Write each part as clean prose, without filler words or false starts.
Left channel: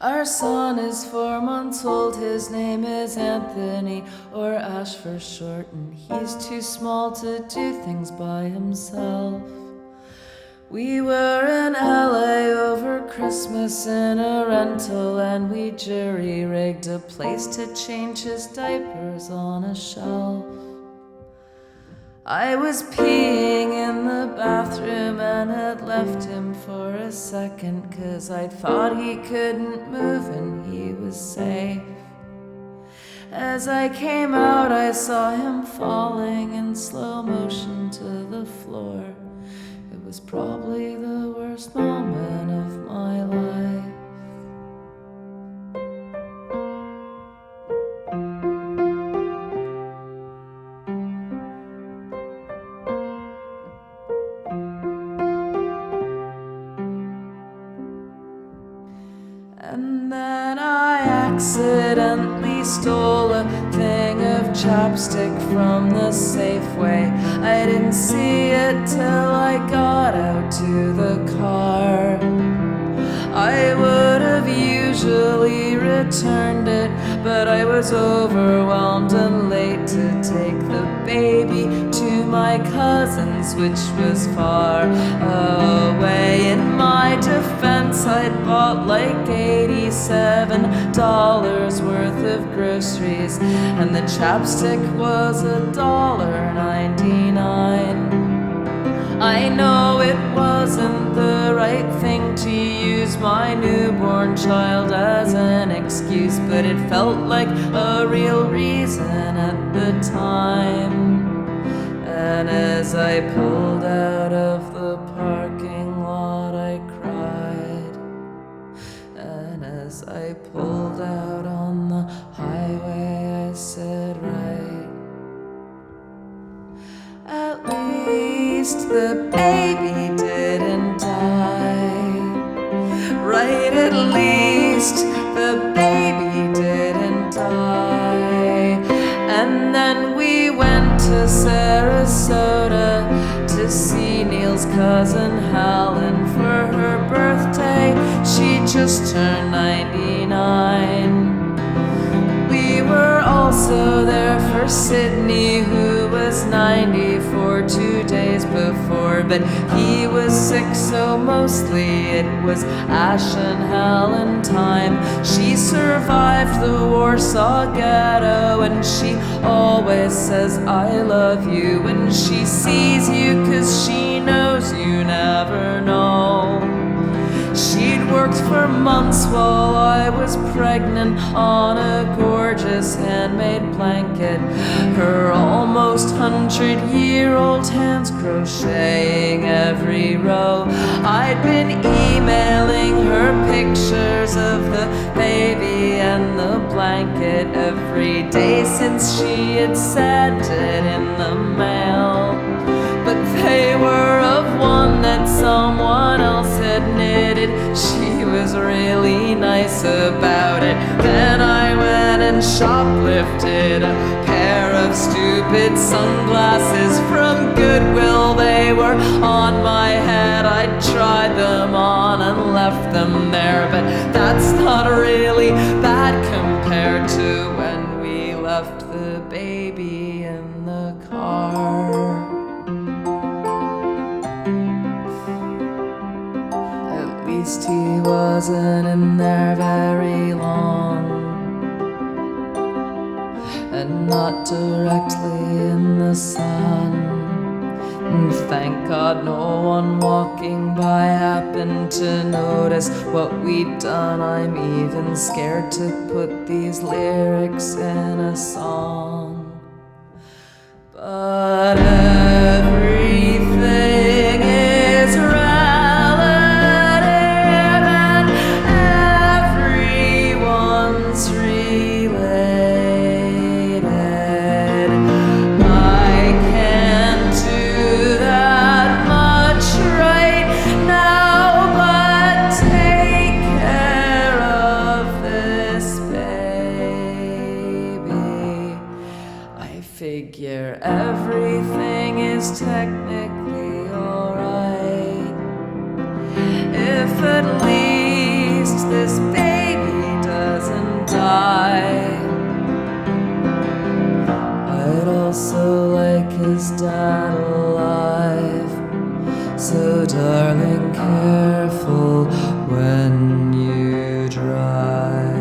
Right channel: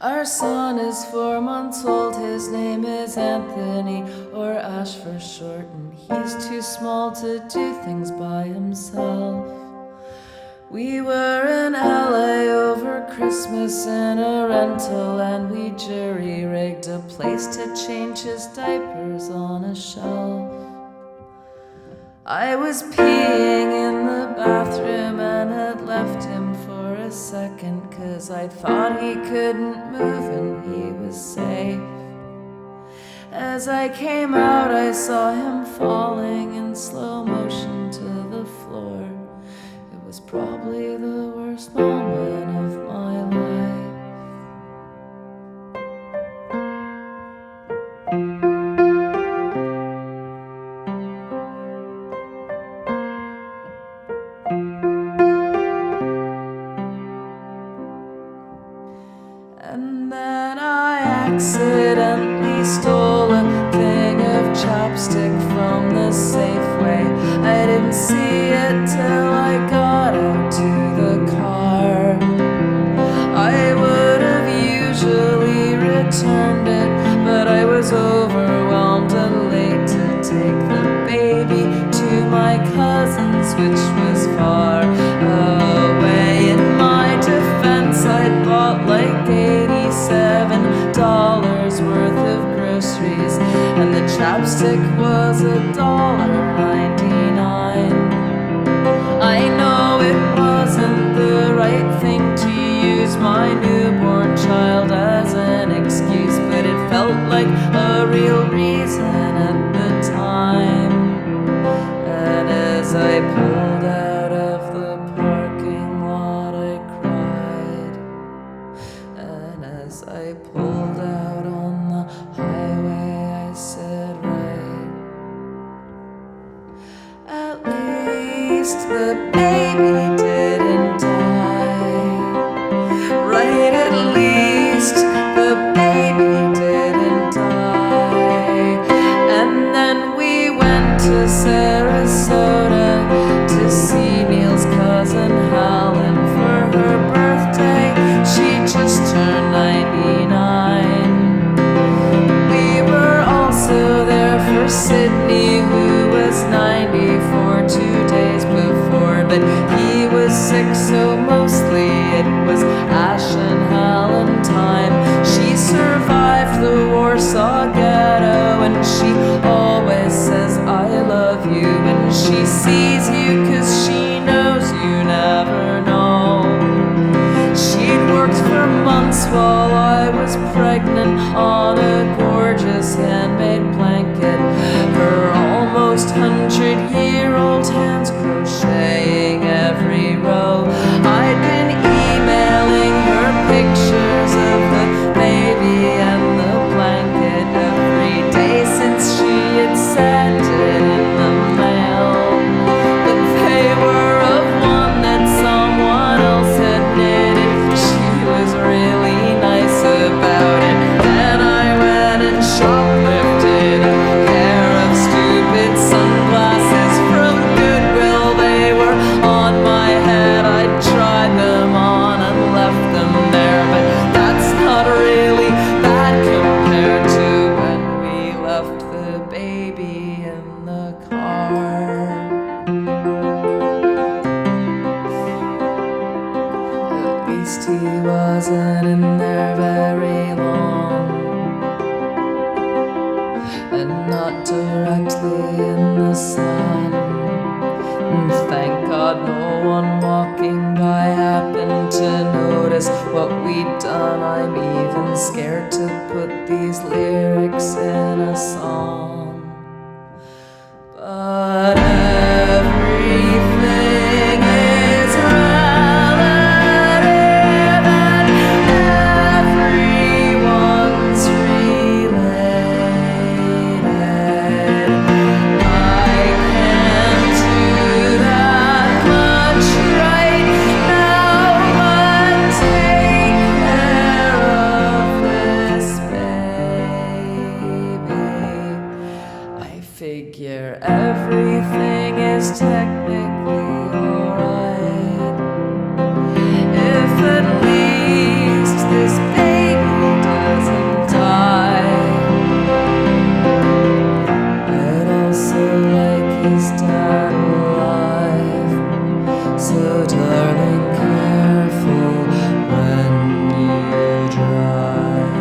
Our son is 4 months old, his name is Anthony, or Ash for short, and he's too small to do things by himself. We were in LA over Christmas in a rental, and we jury-rigged a place to change his diapers on a shelf. I was peeing in the bathroom and had left him for a second, 'cause I thought he couldn't move and he was safe. As I came out, I saw him falling in slow motion to the floor. It was probably the worst moment of my life. And then I accidentally stole a thing of chapstick from the Safeway. I didn't see it till I got out to the car. I would have usually returned it, but I was overwhelmed and late to take the baby to my cousin's, which was far away. In my defense, I'd bought like $87 worth of groceries, and the chapstick was $1.99. I know it wasn't the right thing to use my newborn child as an excuse, but it felt like a real reason at the time. And as I pulled out of the parking lot, I cried. And as I pulled out on the highway, I said, right. At least the baby didn't die. Right, at least the baby didn't die. And then we went to Sarasota to see Neil's cousin Helen for her birthday. She just turned 99. We were also there for Sydney, who was 94 2 days before, but he was sick, so mostly it was Ash and Helen time. She survived the Warsaw Ghetto, and she always says I love you when she sees you, 'cause she knows you never know. She'd worked for months while I was pregnant on a gorgeous handmade blanket, her almost 100-year-old hands crocheting every row. I'd been emailing her pictures of the baby and the blanket every day since she had sent it in the mail. But they were of one that someone else had knitted. She was really nice about it. Then I went and shoplifted a pair of stupid sunglasses from Goodwill. They were on my head. I tried them on and left them there, but that's not really bad compared to when we left the baby in the car. At least he wasn't in there very long, and not directly in the sun. And thank God no one walking by happened to notice what we'd done. I'm even scared to put these lyrics in a song. But everything is relative, and everyone's related. I can't do that much right now, but take care of this baby. I figure everything is technically alright if at least this baby dad alive. So darling, careful when you drive.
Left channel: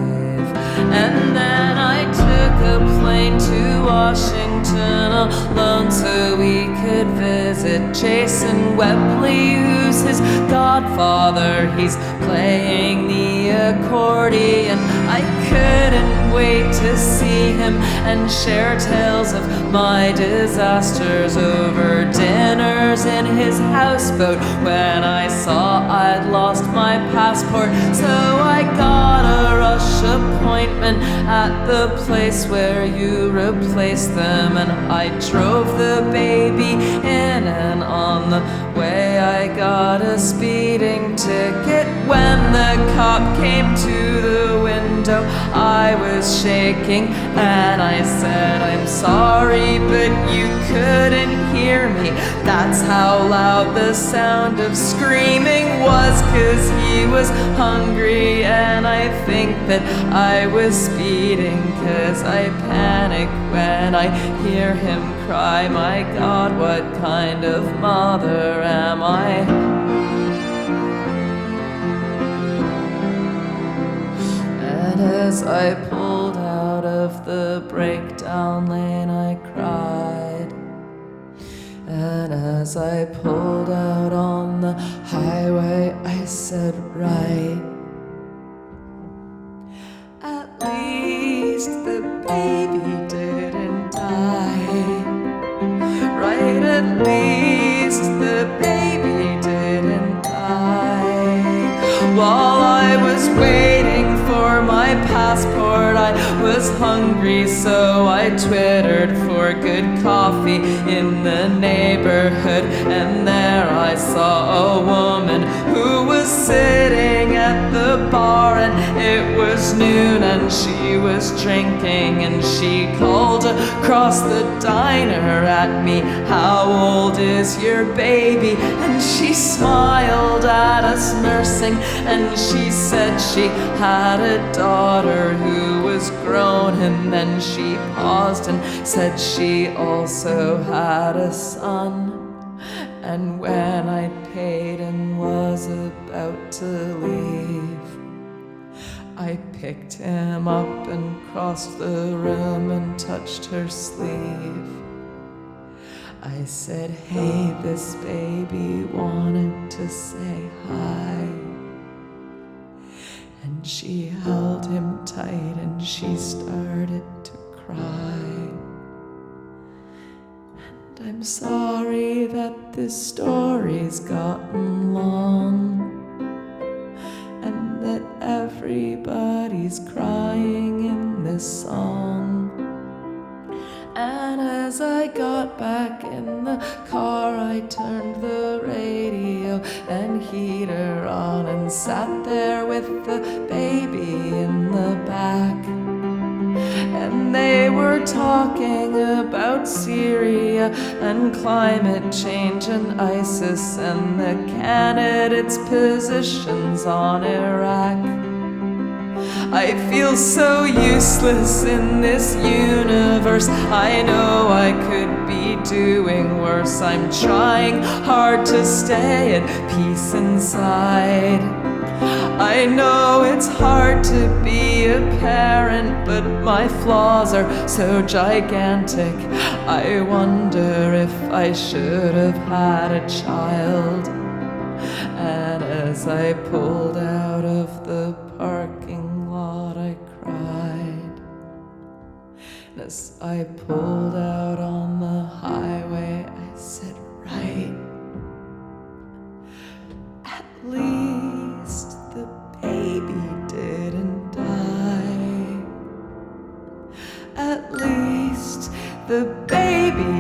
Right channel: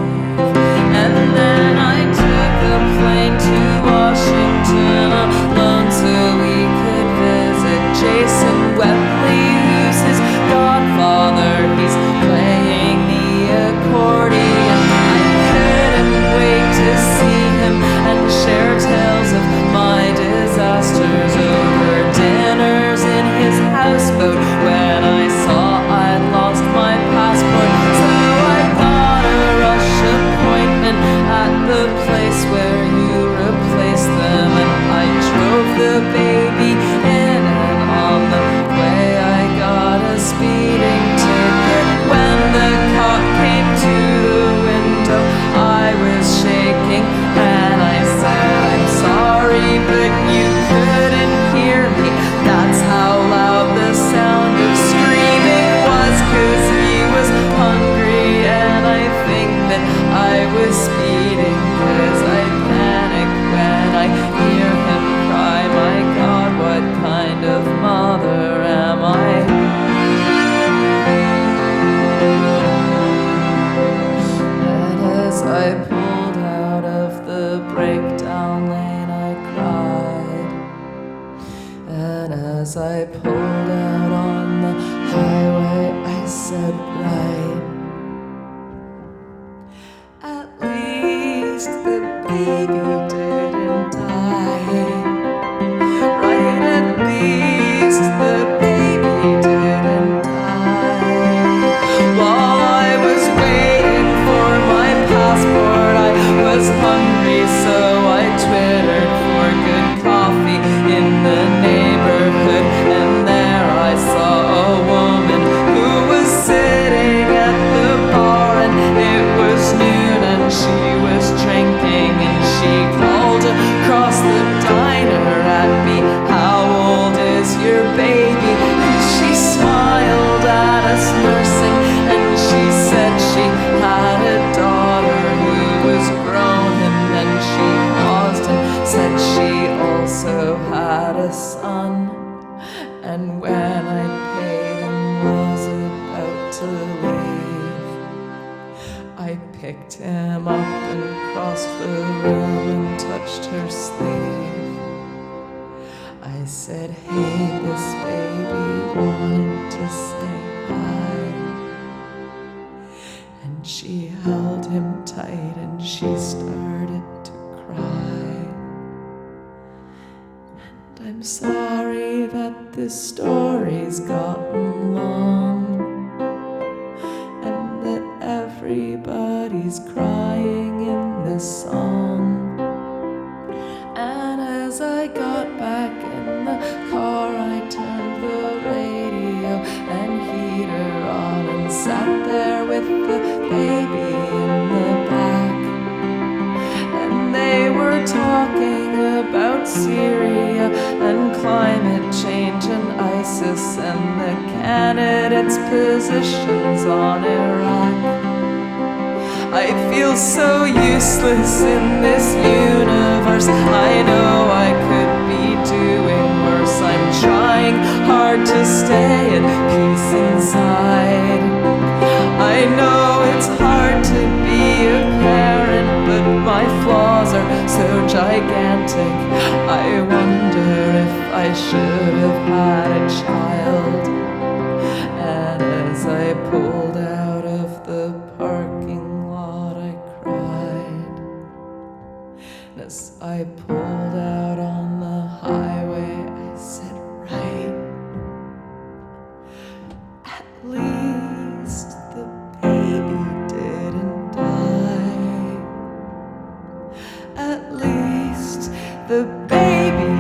And then I took a plane to Washington alone so we could visit Jason Webley, who's his godfather. He's playing the accordion. I couldn't wait to see him and share tales of my disasters over dinners in his houseboat when I saw I'd lost my passport. So I got a rush appointment at the place where you replaced them, and I drove the baby in, and on the way I got a speeding ticket. When the cop came to the window, I was shaking and I said, I'm sorry, but you couldn't hear me. That's how loud the sound of screaming was, 'cause he was hungry, and I think that I was speeding, 'cause I panic when I hear him cry. My God, what kind of mother am I? And as I pulled out of the breakdown lane, I cried. And as I pulled out on the highway, I said, right. At least the baby didn't die. Right, at least the baby didn't die. While I was waiting for my passport, I was hungry, so I twittered for good coffee in the neighborhood. And there I saw a woman who was sitting at the bar, and it was noon and she was drinking, and she called across the diner at me, how old is your baby? And she smiled at us nursing, and she said she had a daughter who was grown, and then she paused and said she also had a son. And when I paid and was about to leave, I picked him up and crossed the room and touched her sleeve. I said, hey, this baby wanted to say hi. And she held him tight and she started to cry. And I'm sorry that this story's gotten long, and that everybody's crying in this song. And as I got back in the car, I turned the radio and heater on and sat there with the baby in the back. And they were talking about Syria and climate change and ISIS and the candidates' positions on Iraq. I feel so useless in this universe. I know I could be doing worse. I'm trying hard to stay at peace inside. I know it's hard to be a parent, but my flaws are so gigantic. I wonder if I should have had a child. And as I pulled out of the parking lot, I cried. And as I pulled out on the highway, I said, right. At least the baby didn't die. At least the baby